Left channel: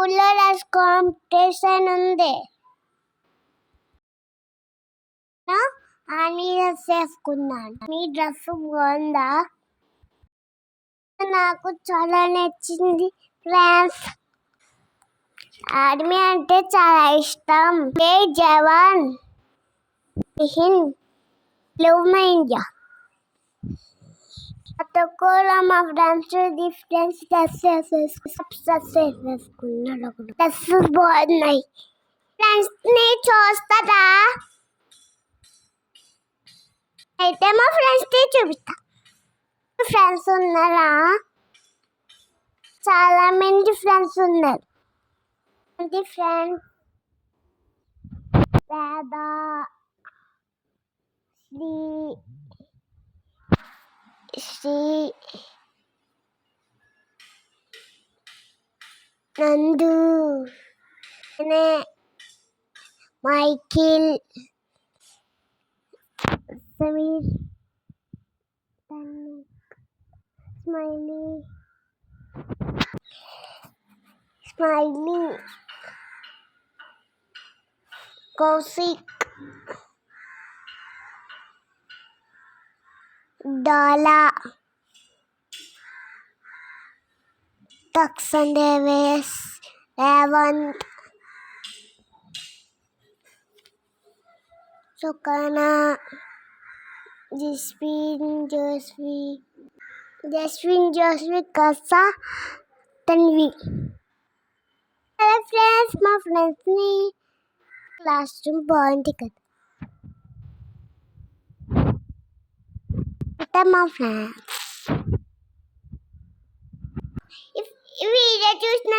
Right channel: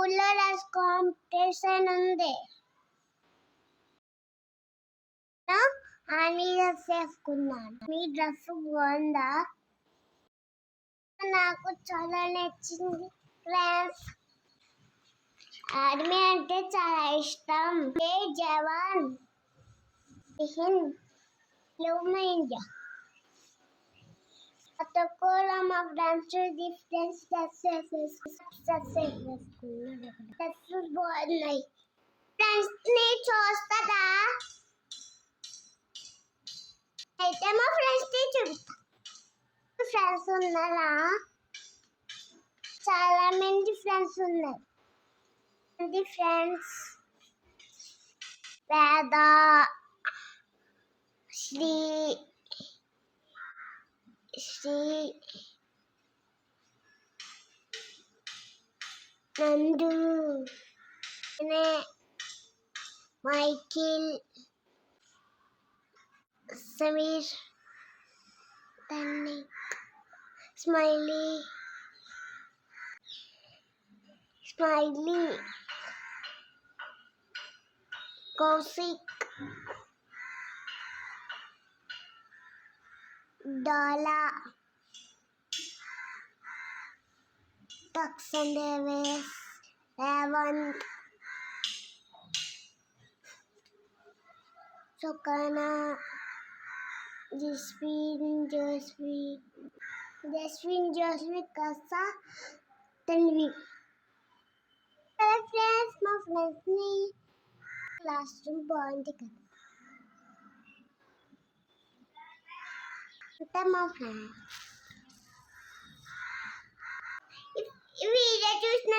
స్కూల్లో dress competition ఉంది. Army dress వేసుకున్నాను. మీ డ్రెస్ బాగుందా? నాకు చాలా నచ్చింది ఫ్రెండ్స్. ఆర్మీ అంటే చాలా ఇష్టం. జై జవాన్, హింద్, లవ్ మై ఇండియా. కూడా మా ఫ్రెండ్స్ డిఫరెంట్ డ్రెస్సెస్ వేసుకున్నారు. డ్రెస్సెస్ బాగున్నాయి. ఫ్రెండ్స్ ని చూస్తారా? అయితే మా ఫ్రెండ్స్ ని చూపిస్తా. ఫ్రెండ్స్ ఉన్నారా? చాలా మంది ఫ్రెండ్స్ ఉన్నారు. ఫ్రెండ్స్ Veda, Sri, Nandu, Michael, Sameer, Smiley, Kaushik, Dala, Dakshan Davis, Revanth, Sukana, Jaswin Josvi, Kasa, Tanvi. Hello friends, మా ఫ్రెండ్స్ని క్లాస్ రూమ్ బాగుంది కదా. అంటే మా ఫ్రెండ్స్ ఈ వీడియో చూసిన